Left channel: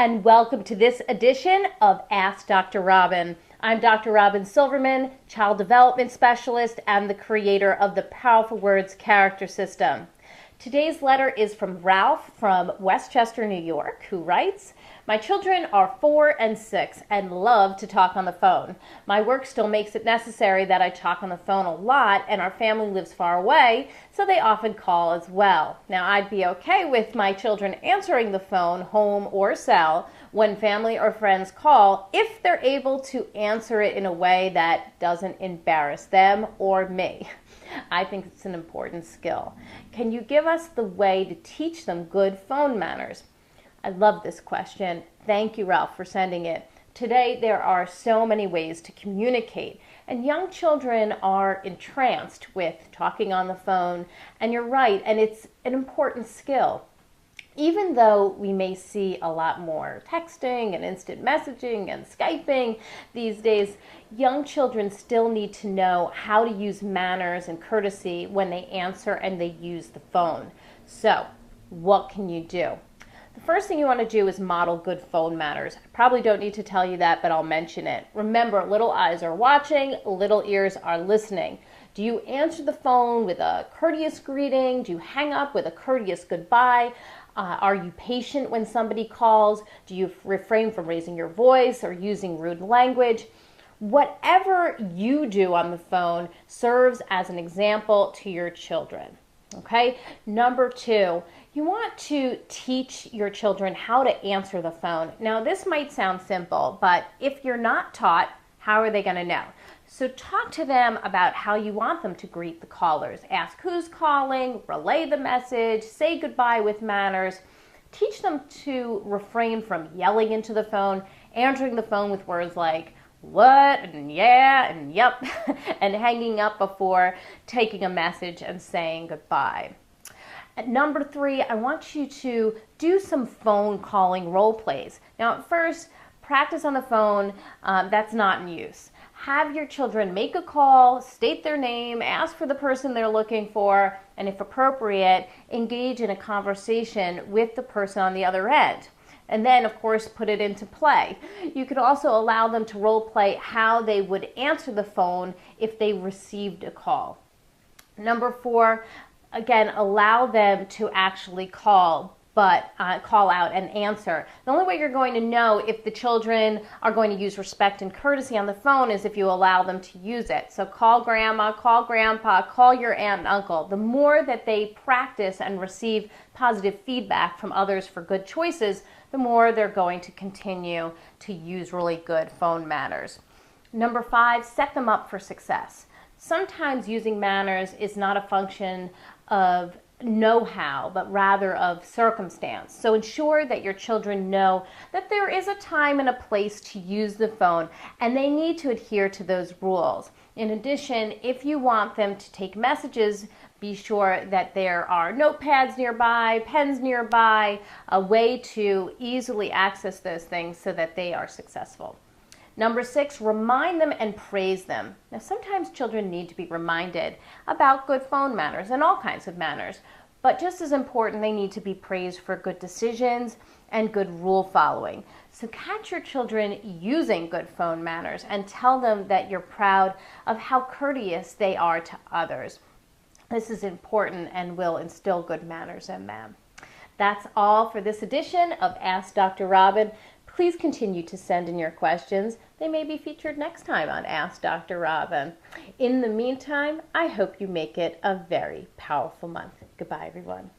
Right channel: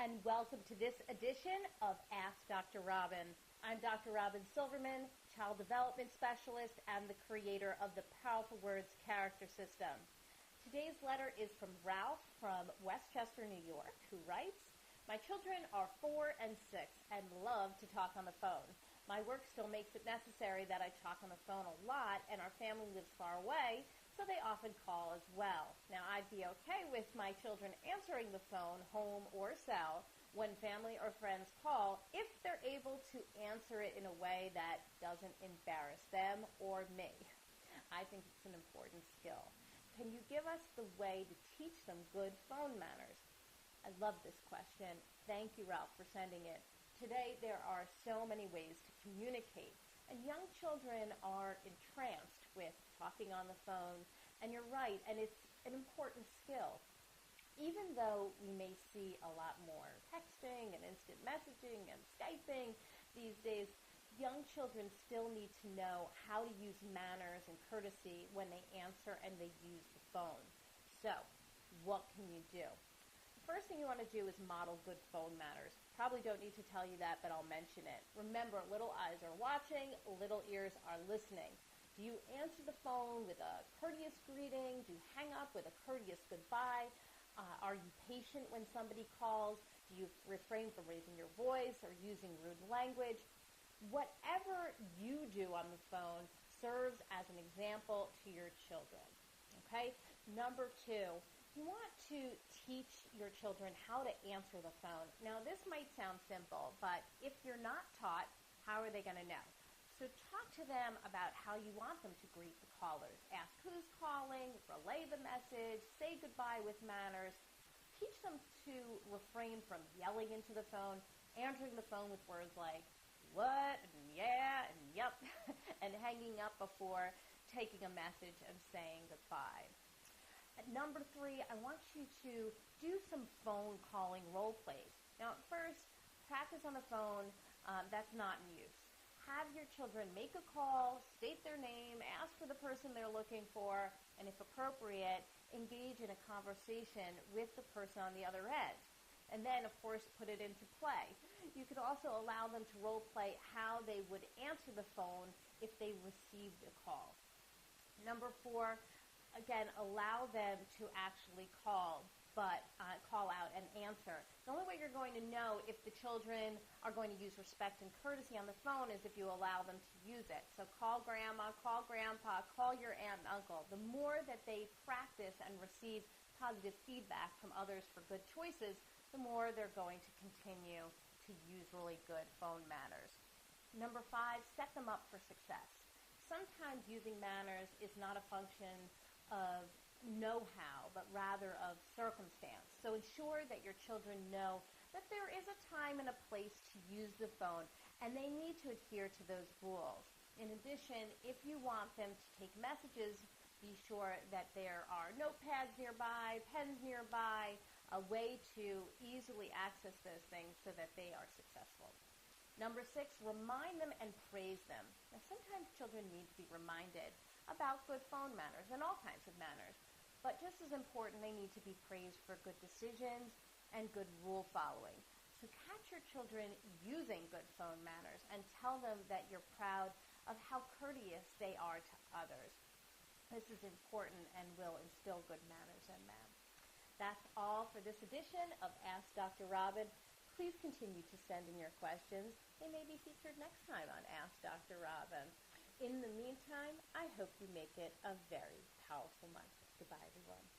and welcome to this edition of Ask Dr. Robyn. I'm Dr. Robyn Silverman, Child Development Specialist and the creator of the Powerful Words Character System. Today's letter is from Ralph from Westchester, New York, who writes, "My children are 4 and 6 and love to talk on the phone. My work still makes it necessary that I talk on the phone a lot, and our family lives far away, so they often call as well. Now, I'd be okay with my children answering the phone, home or cell, when family or friends call, if they're able to answer it in a way that doesn't embarrass them or me. I think it's an important skill. Can you give us the way to teach them good phone manners?" I love this question. Thank you, Ralph, for sending it. Today, there are so many ways to communicate, and young children are entranced with talking on the phone, and you're right, and it's an important skill. Even though we may see a lot more texting and instant messaging and Skyping these days, young children still need to know how to use manners and courtesy when they answer and they use the phone. So, what can you do? The first thing you want to do is model good phone manners. I probably don't need to tell you that, but I'll mention it. Remember, little eyes are watching, little ears are listening. Do you answer the phone with a courteous greeting? Do you hang up with a courteous goodbye? Are you patient when somebody calls? Do you refrain from raising your voice or using rude language? Whatever you do on the phone serves as an example to your children. Okay? Number 2, you want to teach your children how to answer the phone. Now, this might sound simple, but if you're not taught, how are they going to know? So talk to them about how you want them to greet the callers. Ask who's calling, relay the message, say goodbye with manners. Teach them to refrain from yelling into the phone, answering the phone with words like what and yeah and yep, and hanging up before taking a message and saying goodbye. At number 3, I want you to do some phone calling role plays. Now, at first, practice on the phone, that's not in use. Have your children make a call, state their name, ask for the person they're looking for, and if appropriate, engage in a conversation with the person on the other end. And then, of course, put it into play. You could also allow them to role play how they would answer the phone if they received a call. Number 4, again, allow them to actually call out and answer. The only way you're going to know if the children are going to use respect and courtesy on the phone is if you allow them to use it. So call grandma, call grandpa, call your aunt and uncle. The more that they practice and receive positive feedback from others for good choices, the more they're going to continue to use really good phone manners. Number 5, set them up for success. Sometimes using manners is not a function of know-how, but rather of circumstance. So ensure that your children know that there is a time and a place to use the phone, and they need to adhere to those rules. In addition, if you want them to take messages, be sure that there are notepads nearby, pens nearby, a way to easily access those things so that they are successful. Number 6, remind them and praise them. Now, sometimes children need to be reminded about good phone manners and all kinds of manners, but just as important, they need to be praised for good decisions and good rule following. So catch your children using good phone manners and tell them that you're proud of how courteous they are to others. This is important and will instill good manners in them. That's all for this edition of Ask Dr. Robyn. Please continue to send in your questions. They may be featured next time on Ask Dr. Robyn. In the meantime, I hope you make it a very powerful month. Goodbye, everyone.